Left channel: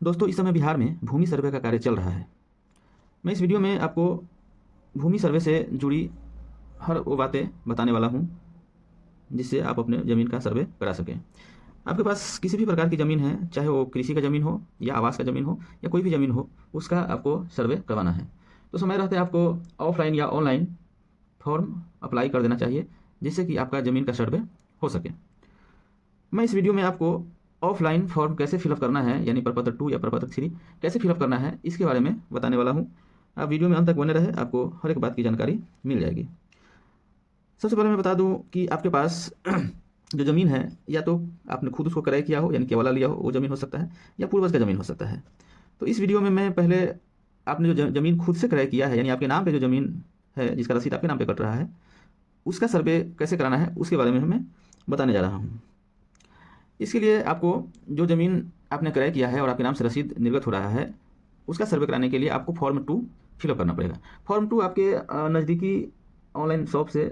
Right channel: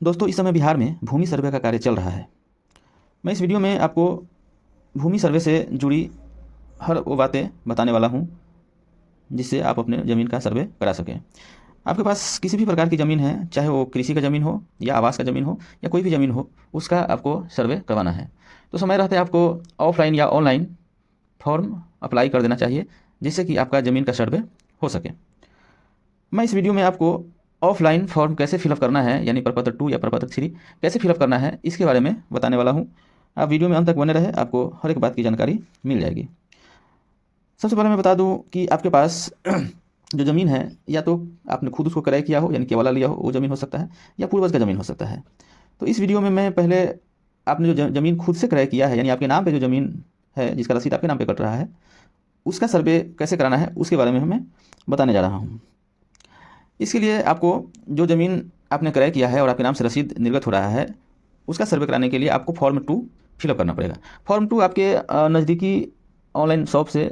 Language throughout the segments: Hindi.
दोस्तों, इस समय बिहार में भूमि सर्वे का कार्य चल रहा है। मैं इस वीडियो में आपको भूमि सर्वे से जुड़ी हर वो बातें बताने वाला हूँ जिससे आप अपने ज़मीन का सर्वे करा सकें। आपके पास किसी भी प्रकार की ज़मीन है, चाहे वो कृषि का ज़मीन हो या आवास का ज़मीन हो या कोई भी ज़मीन हो, उसका आपको सर्वे करवाना है तो समय रहते आपको ऑफलाइन या ऑनलाइन फॉर्म अप्लाई कर देना चाहिए जिससे कि आपका ज़मीन का सर्वे हो सके। मैं इस वीडियो में आपको ऑफलाइन फॉर्म कैसे फिलअप करना है, यानी प्रपत्र 2 या प्रपत्र 3 कैसे फिलअप करना है, इसके बारे में बताने वाला हूँ। आप वीडियो में अंत तक बने रहे, आपको हर एक बात की जानकारी मिल जाएगी। सबसे पहले मैं बता दूं कि आपके पास जो ज़मीन है, या तो आपने खुद उसको क्रय किया हो यानी केवला लिया हो, वो ज़मीन हो सकता है, या पूर्वज का ज़मीन हो सकता है। तो इस वीडियो में मैं पहले आपने जो ज़मीन खुद से क्रय किया है, यानी आपके नाम पे जो ज़मीन है, जिसका रसीद आपके नाम पे कट रहा है, उसका सर्वे कैसे कराना है उसके बारे में मैं बताने जा रहा हूँ। इसके लिए आपको जो ज़मीन आपने क्रय किया है और आपके नाम से रसीद निर्गत हो रहा है, उसका सर्वे कराने के लिए आपको फॉर्म 2 फिलअप करना पड़ेगा। फॉर्म 2 आपके नज़दीकी ऑनलाइन शॉप से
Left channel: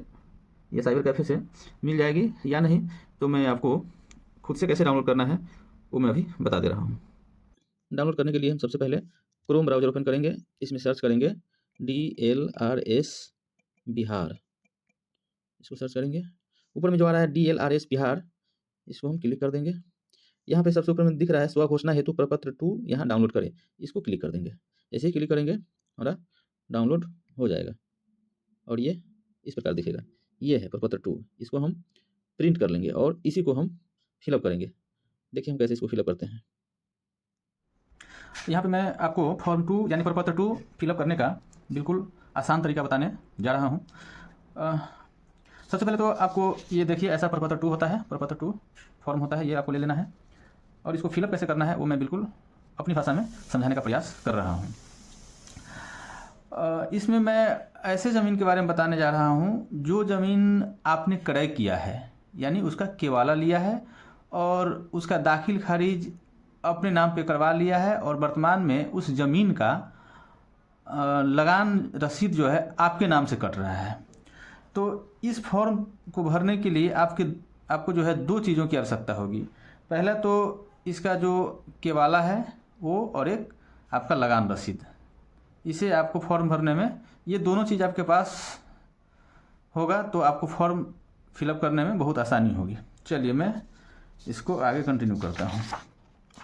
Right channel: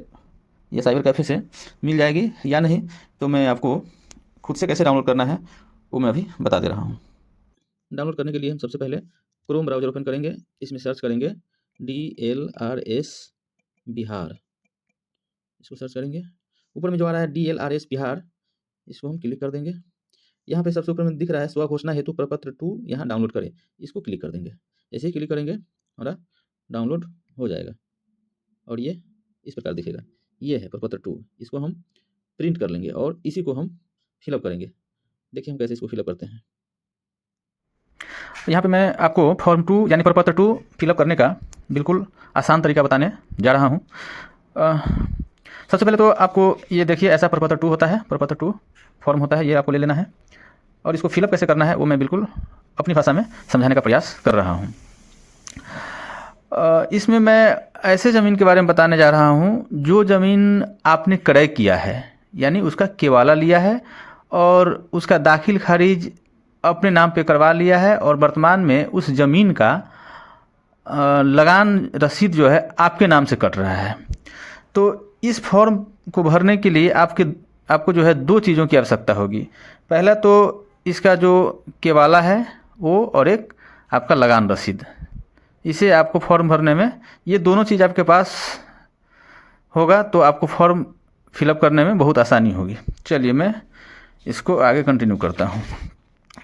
या साइबर कैफ़े से मिल जाएगी, या नहीं तो मैं आपको खुद से कैसे डाउनलोड करना है वो मैं अभी बता दे रहा हूँ। डाउनलोड करने के लिए हम सबसे पहले क्रोम ब्राउज़र ओपन करेंगे। इसमें सर्च करेंगे DLRS बिहार, इसको सर्च करेंगे। ऊपर में जो आ रहा है DLRS बिहार, इसको हम क्लिक कर देंगे। यहाँ पे सबसे ऊपर में दिख रहा है स्व घोषणा हेतु प्रपत्र 2 यहाँ डाउनलोड करें, इसको क्लिक कर देंगे। जैसे ही क्लिक करेंगे हमारा डाउनलोड हो जाएगा और ये इस प्रकार दिखेगा। ये है प्रपत्र 2, इसको हम प्रिंट कर लेंगे और इसी को हम फिलअप करेंगे। देखिए हम कैसे इसको फिलअप करते हैं। तो यहाँ पे मैं आपको फॉर्म 2 यानी प्रपत्र 2 फिलअप करने का बिल्कुल आसान तरीका बताने जा रहा हूँ। सबसे पहले तो आपको ये देखिए, ऐसा प्रपत्र 2 होता है, प्रपत्र 2 फॉर्म होता है, ये आपको ले लेना है और इसको फिलअप कैसे करना है वो मैं बिल्कुल अपनी भाषा में समझाने का प्रयास कर रहा हूँ। इसमें मैं ऐसे ज़मीन के बारे में बताने जा रहा हूँ जो ज़मीन आपने क्रय किया है, यानी उसका केवाला लिया है और उसका दाखिल खारिज अपने नाम पे करवा लिया है और वर्तमान में उस ज़मीन का लगान रसीद जो है आपके नाम से कट रहा है। तो इस फॉर्म को भरने के लिए आपको जो है 2 चीज़ों की आवश्यकता होगी। पहला तो इसका जो केवाला है वो, और एक आपका लगान रसीद। इसे आपको फॉर्म भरने में ये दोनों चीज़ आपके पास होगा तो आपको फॉर्म फिलअप करने में बहुत आसानी होगी। चलिए मैं इसको आगे कंटिन्यू करता हूँ।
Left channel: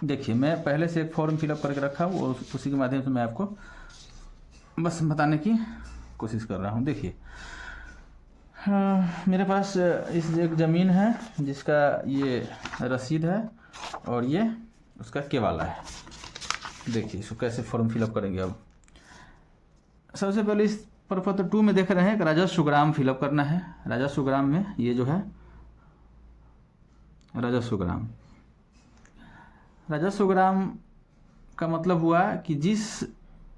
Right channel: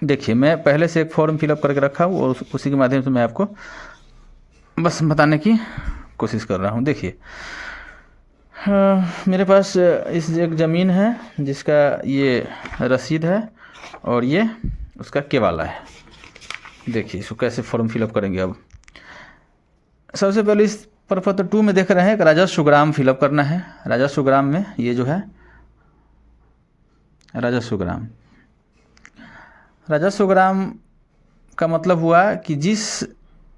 देखिए, मैं पहले से एक फॉर्म फिलअप करके रखा हूँ और उसी के माध्यम से मैं आपको बस बताने की कोशिश कर रहा हूँ। देखिए, मेरे पास इस एक ज़मीन है जिसका ये रसीद है और ये उसका केवाला है। देखिए इसको कैसे फॉर्म फिलअप करेंगे। अब सबसे पहले इस प्रपत्र 2 में देख रहे हैं कि राजस्व ग्राम फिलअप करना है। राजस्व ग्राम में ये जो है राजस्व ग्राम का मतलब हुआ कि जिस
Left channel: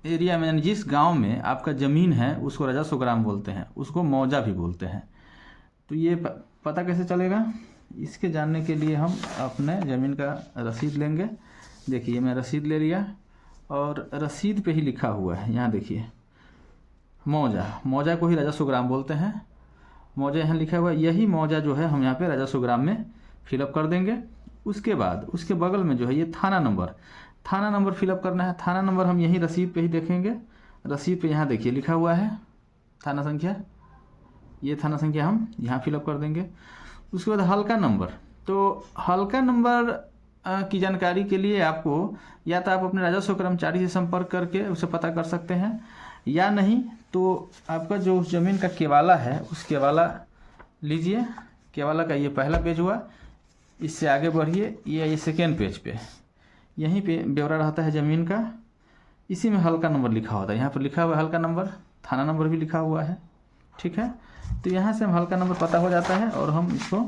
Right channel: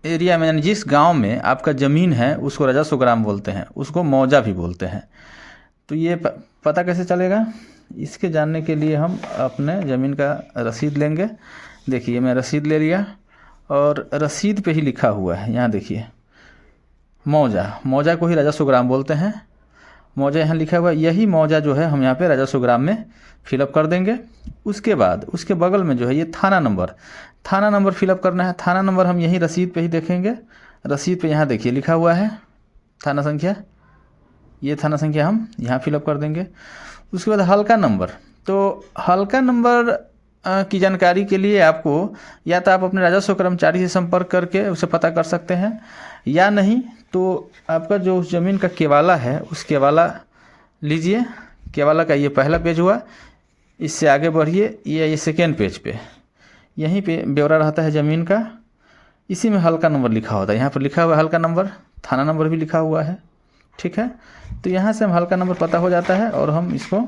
एरिया में यानी जिस गांव में आपका ज़मीन है उसको राजस्व ग्राम बोलते हैं, उसको मौजा भी बोलते हैं। तो ये पता कैसे चलेगा, इसके जानने के लिए हम अपने ज़मीन का रसीद लेंगे। देखिए मैं रसीद ले लिया और रसीद पे ही लिखा हुआ है, यहाँ देखिए मौजा को ही राजस्व ग्राम बोलते हैं। मौजा यहाँ लिखा हुआ है, यही मौजा जो है हम यहाँ पे राजस्व ग्राम में फिलअप कर देंगे। उसके बाद उसके बगल में जो है ये थाना नंबर फिलअप करना है। थाना नंबर हम यही रसीद पे ही देखेंगे। रसीद पे यहाँ देखिए लिखा हुआ है थाना संख्या, ये थाना संख्या हम यहाँ फिलअप कर देंगे। उसके बाद हल्का नंबर, तो हल्का नंबर की जानकारी के लिए आपको या तो आप अपने राजस्व कर्मचारी से संपर्क करके उसे पता कर सकते हैं, या नहीं तो आपका जो ज़मीन का केवाला है उस केवाला लीजिए। केवाला का ये पहला पेज हुआ, इससे आगे बढ़िए, ये सेकेंड पेज पे यहीं पे ब्यौरा रहता है ज़मीन का। इसी में हल्का नंबर लिखा होता है, यहाँ पर लिखा हुआ है हल्का नंबर, थाना नंबर भी लिखा हुआ है। ठीक है, तो यहाँ से हम हल्का नंबर पता हो जाता है और हम इसको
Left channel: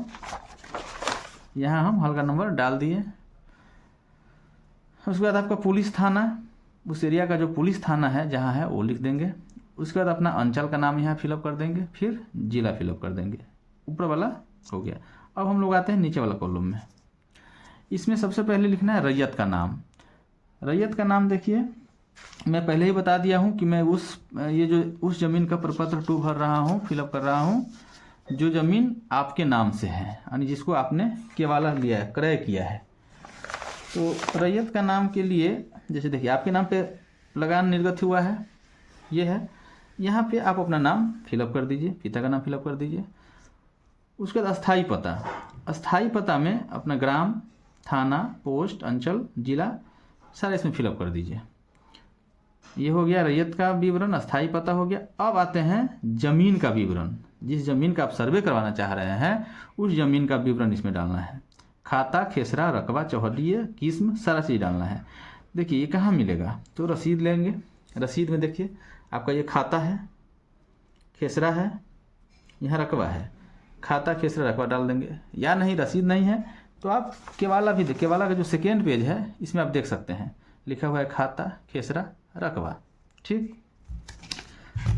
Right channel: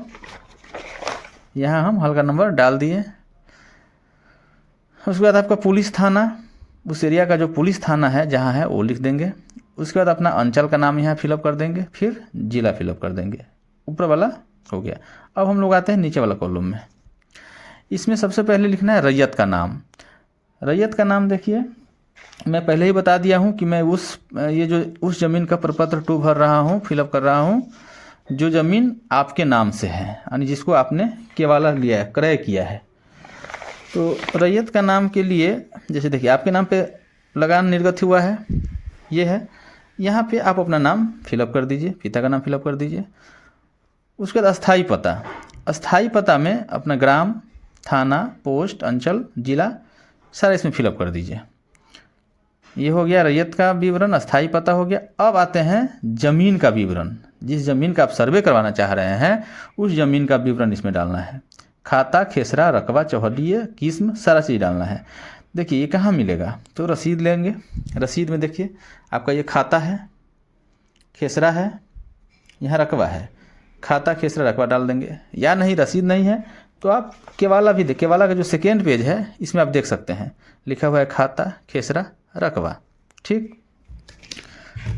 यहाँ हम हल्का नंबर डाल दिए। उसके बाद आपका पुलिस थाना, उस एरिया का जो पुलिस थाना है जहाँ है वो लिख देंगे। उसके बाद अपना अंचल का नाम यहाँ फिलअप कर देंगे, फिर ज़िला फिलअप कर देंगे। ऊपर वाला हो गया। अब हम लोग आते हैं नीचे वाला कॉलम में। इसमें सबसे पहले लिखना है रैयत का नाम। रैयत का नाम देखिए, मैं पहले ही बता दिया हूँ कि मैं उस ज़मीन का प्रपत्र 2 भर रहा हूँ, फिलअप कर रहा हूँ जो ज़मीन आपके नाम से है, यानी जिसको आपने केवाला लिया है, क्रय किया है। तो रैयत का नाम के लिए जैसे देखिए आपके नाम पे लगान निर्गत हुआ है, ये है। यहाँ पे आप अपना नाम फिलअप कर दीजिए, पिता का नाम फिलअप कर दीजिए। उसके बाद अस्थाई पता, अस्थाई पता में अपना ग्राम, थाना, पोस्ट, अंचल, जिला सारा इसमें फिलअप कर दीजिए। ये हो गया रैयत का विवरण, अस्थाई पता हो गया। अब आते हैं ज़मीन का विवरण। जिस ज़मीन का आप सर्वे करवाना चाह रहे हैं उस ज़मीन का विवरण इसमें डालना है। खाता, खेसरा, रकबा, चौहद्दी, किस्म सारा चीज़ डालना है। देखिए ये कहाँ मिलेगा, तो रसीद लेंगे। रसीद में देखिए आपका ये खाता है, खेसरा है, यहाँ रकबा है। खाता, खेसरा, रकबा डाल देंगे। या नहीं रसीद नहीं है तो आप केवाला भी केवाला का जो सेकेंड पेज है इसमें आप देख सकते हैं, लिखा हुआ है खाता, खेसरा, रकबा। ठीक,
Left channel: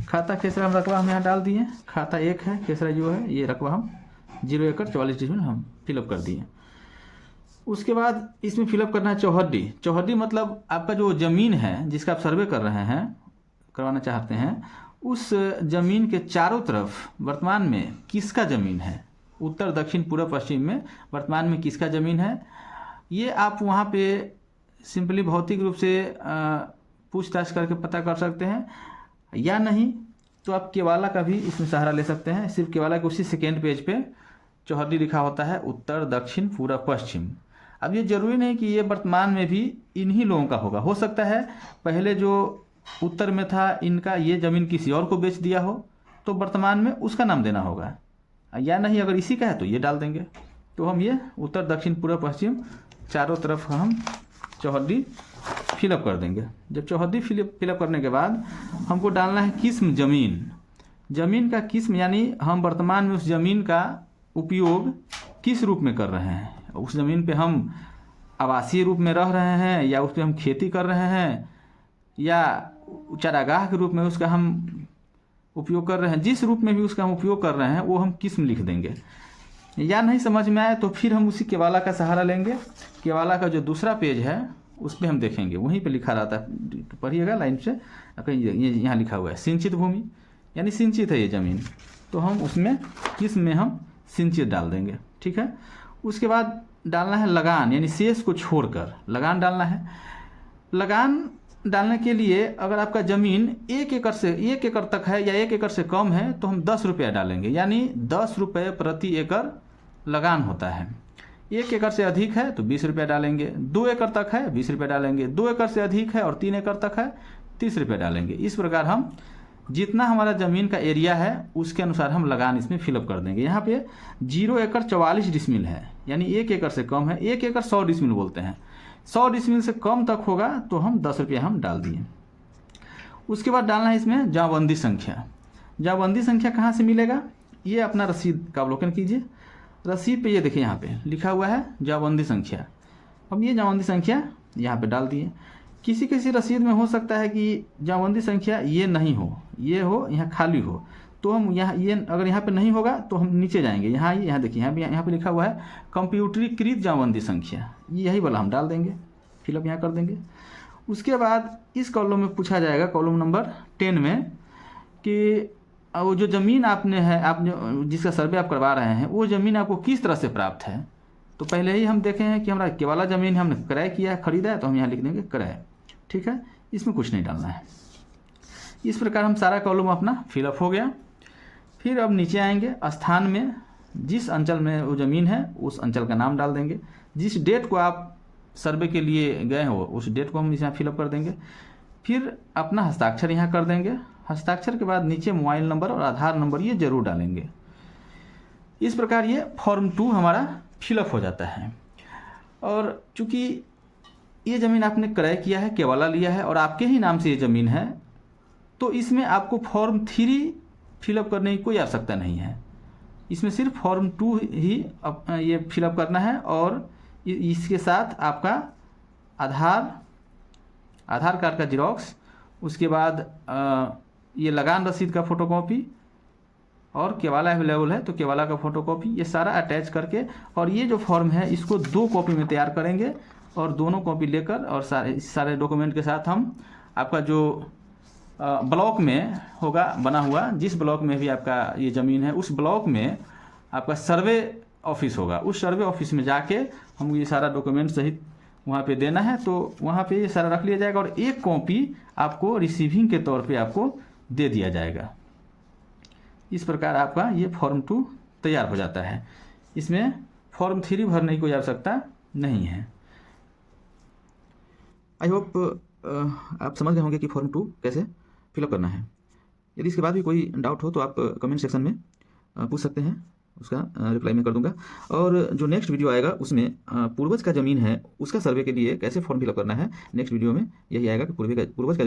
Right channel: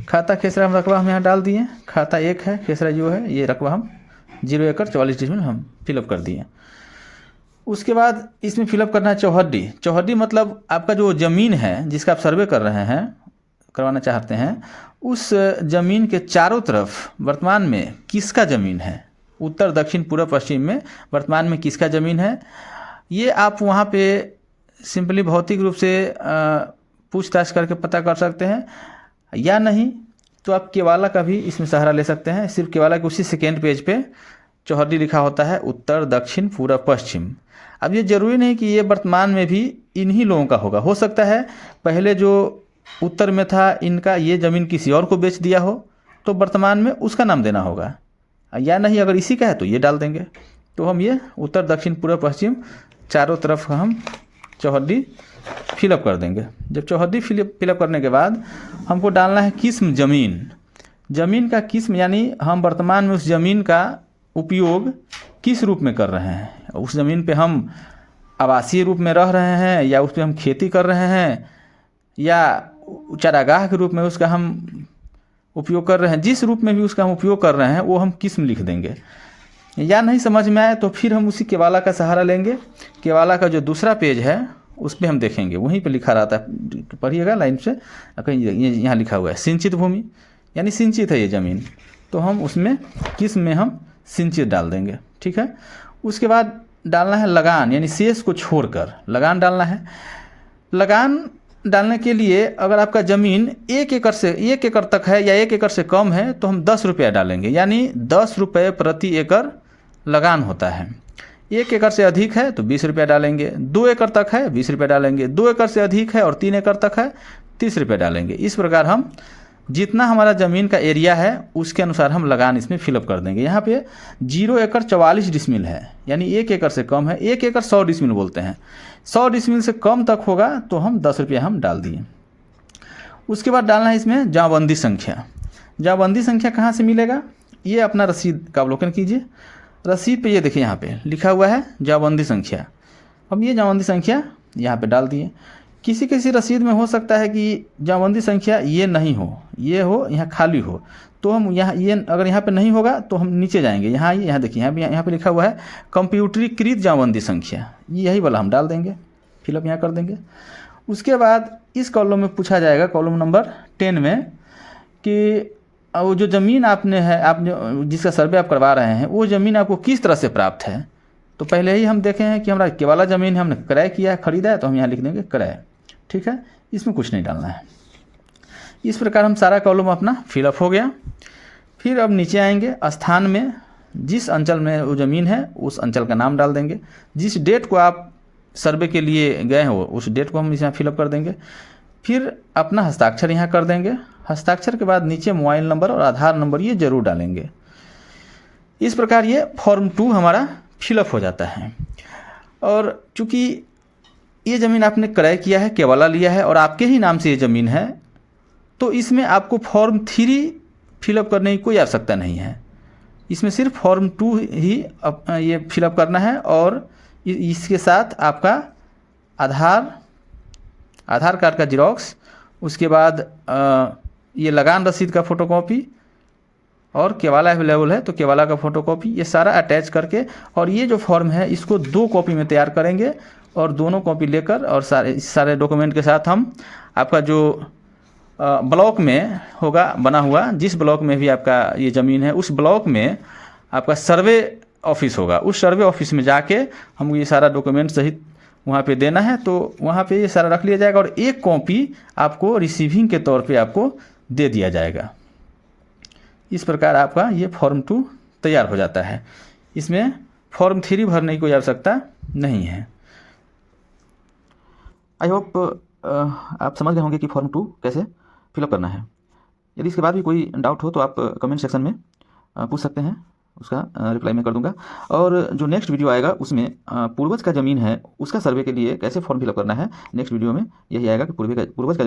खाता, खेसरा, रकबा हम यहाँ डाल दिए। खाता 1 है, खेसरा जो है, ये रकबा हम 0 एकड़ 44 डिसमिल हम फिलअप कर दिए। उसके बाद इसमें फिलअप करना है चौहद्दी। चौहद्दी मतलब आपका जो ज़मीन है जिसका आप सर्वे कर रहे हैं, करवाना चाहते हैं, उस ज़मीन के चारों तरफ वर्तमान में किसका ज़मीन है, उत्तर, दक्षिण, पूर्व, पश्चिम में वर्तमान में किसका ज़मीन है, ये आप वहाँ पे सिंपली भौतिक रूप से पूछताछ करके पता कर सकते हैं। या नहीं तो आप केवाला का भी इसमें सहारा ले सकते हैं। सिर्फ केवाला के उसी सेकेंड पेज पे चौहद्दी लिखा होता है, उत्तर, दक्षिण, पूर्व, पश्चिम। अब ये ज़रूरी नहीं कि ये वर्तमान में भी इन्हीं लोगों का होगा, हो सकता है पहले जो उत्तर में था इनका ये ज़मीन किसी और को बेच दिया हो तो वर्तमान में उसका नाम देना होगा। या नहीं अगर इसी का है तो ये डाल देंगे। तो हम ये उत्तर, दक्षिण, पूर्व, पश्चिम चारों तरफ हम चौहद्दी फिलअप कर देंगे। जब चौहद्दी फिलअप करने के बाद हमको डालना है किस्म ज़मीन। ज़मीन का किस्म यानी हम वर्तमान में उस ज़मीन का उपयोग किस रूप में कर रहे हैं। उस ज़मीन पे हम आवासीय रूप में रह रहे हैं या उस पर हम खेती कर रहे हैं या चारागाह के रूप में उसका हम उपयोग कर रहे हैं। जिस रूप में भी उसका हम उपयोग कर रहे हैं वो हम किस्म लिख देंगे। या नहीं समझ में आए तो फिर हम उसी केवाला का सहारा लेंगे। केवाला का जो दूसरा पेज है उस पर हम देखेंगे, वहीं पे लिखा रहता है, पढ़िएगा लाइन से, कहीं यहाँ लिखा हुआ है सिंचित भूमि, यानी सिंचित है ये ज़मीन, तो हम उसमें किस्म में हम सिंचित डाल देंगे। ठीक है। उसके बाद डालना है लगान, यानी शेष को छोड़कर लगान डालना है। लगान डालने के लिए अगर आपका ज़मीन 1 एकड़ तक है या 1 एकड़ से कम है तो हम 10 रुपया डालेंगे, यानी 10 रुपये प्रति एकड़ लगान होता है। 1 एकड़ से अधिक है तो 20 रुपया डालेंगे, 2 एकड़ तक है 20 रुपया डालेंगे, 2 एकड़ से अधिक है और 3 एकड़ तक है 30 रुपया डालेंगे। इस प्रकार हम जितना हमारा ज़मीन का एरिया है उसके अनुसार हम लगान इसमें फिलअप कर देंगे। यहाँ पे 0 एकड़ 44 डिसमिल है, यानी 1 एकड़ से कम है। 1 एकड़ 100 डिसमिल बोलते हैं, 100 डिसमिल से कम तक होगा तो हम 10 रुपया हम डाल दिए। उसके बाद डालना है इसमें जाँबंदी संख्या। जाँबंदी संख्या कहाँ से मिलेगा, ये अपना रसीद का अवलोकन कीजिए। रसीद पे ये देखिए यहाँ पे लिखा हुआ है जाँबंदी संख्या। हम ये जाँबंदी संख्या यहाँ पे डाल दिए। किसी किसी रसीद में हो सकता है कि जाँबंदी संख्या ये नहीं हो, ये हो, यहाँ खाली हो, तो हम यहाँ ये अगर यहाँ पे नहीं होगा तो हम नीचे जाएंगे, यहाँ देखिए यहाँ पे लिखा हुआ है कंप्यूटरीकृत जाँबंदी संख्या, यही वाला हम डाल देंगे, फिलअप यहाँ कर देंगे। उसके बाद इस कॉलम में पूछा जाएगा, कॉलम नंबर 10 में, कि वो जो ज़मीन आपने है, आप जो जिसका सर्वे आप करवा रहे हैं वो ज़मीन आपको किस तरह से प्राप्त है। तो पहले ही हम देखे हैं कि हमारा केवाला ज़मीन है, हमने क्रय किया, खरीदा है, तो हम यहाँ लिख देंगे क्रय। ठीक है, इसमें कुछ नहीं डालना है। इस प्रकार हम सारा कॉलम अपना फिलअप हो गया। फिर अब नीचे आएंगे, स्थान में जिस अंचल में वो ज़मीन है उस अंचल का नाम डाल देंगे। जिस डेट को आप सर्वे के लिए गए हो उस डेट को हम यहाँ फिलअप कर देंगे। फिर अपना हस्ताक्षर यहाँ कर देंगे। हस्ताक्षर के बाद नीचे मोबाइल नंबर और आधार नंबर ये ज़रूर डालेंगे। इस प्रकार ये फॉर्म 2 हमारा फिलअप हो जाता है। और चूँकि ये ज़मीन आपने क्रय किया है, केवाला लिया है और आपके ही नाम से ये ज़मीन है, तो इसमें आपको फॉर्म 3 फिलअप करने की कोई आवश्यकता नहीं है। इसमें सिर्फ फॉर्म 2 ही ये फिलअप करना है और इसके साथ आपका आधार कार्ड का जिरोक्स, उसके बाद ये लगान रसीद का फ़ोटोकॉपी और केवाला अवेलेबल है तो केवाला का फ़ोटोकॉपी, ये सारा अटैच करके, और ये जो फॉर्म है इसको 2 कॉपी में तैयार करेंगे और दोनों कॉपी लेकर और सारे डॉक्यूमेंट के साथ हम आपका जो ब्लॉक में होगा बना हुआ, जिस ब्लॉक में भी आपका ये ज़मीन है उस ब्लॉक में आपका सर्वे ऑफिस होगा, उस सर्वे ऑफिस में जाके हम ये सारा डॉक्यूमेंट सहित वहाँ पे देना है, तो वहाँ पे ये सारा रख लिया जाएगा और एक कॉपी आपको रिसीविंग के तौर पे आपको दे दिया जाएगा। इस प्रकार आपका ये फॉर्म 2 तैयार हो जाता है। इसमें फॉर्म 3 भरने की कोई आवश्यकता नहीं है। आई होप आप समझ गए होंगे कि फॉर्म 2 कैसे फिलअप करना है। यदि इसके बाद भी कोई डाउट हो तो आप कमेंट सेक्शन में पूछ सकते हैं, उसका रिप्लाई मैं कर दूंगा। और जो नेक्स्ट वीडियो आएगा उसमें पूर्वज का ज़मीन है उसका सर्वे के लिए कैसे फॉर्म फिलअप करना है, नेक्स्ट वीडियो में यही आएगा कि पूर्वज का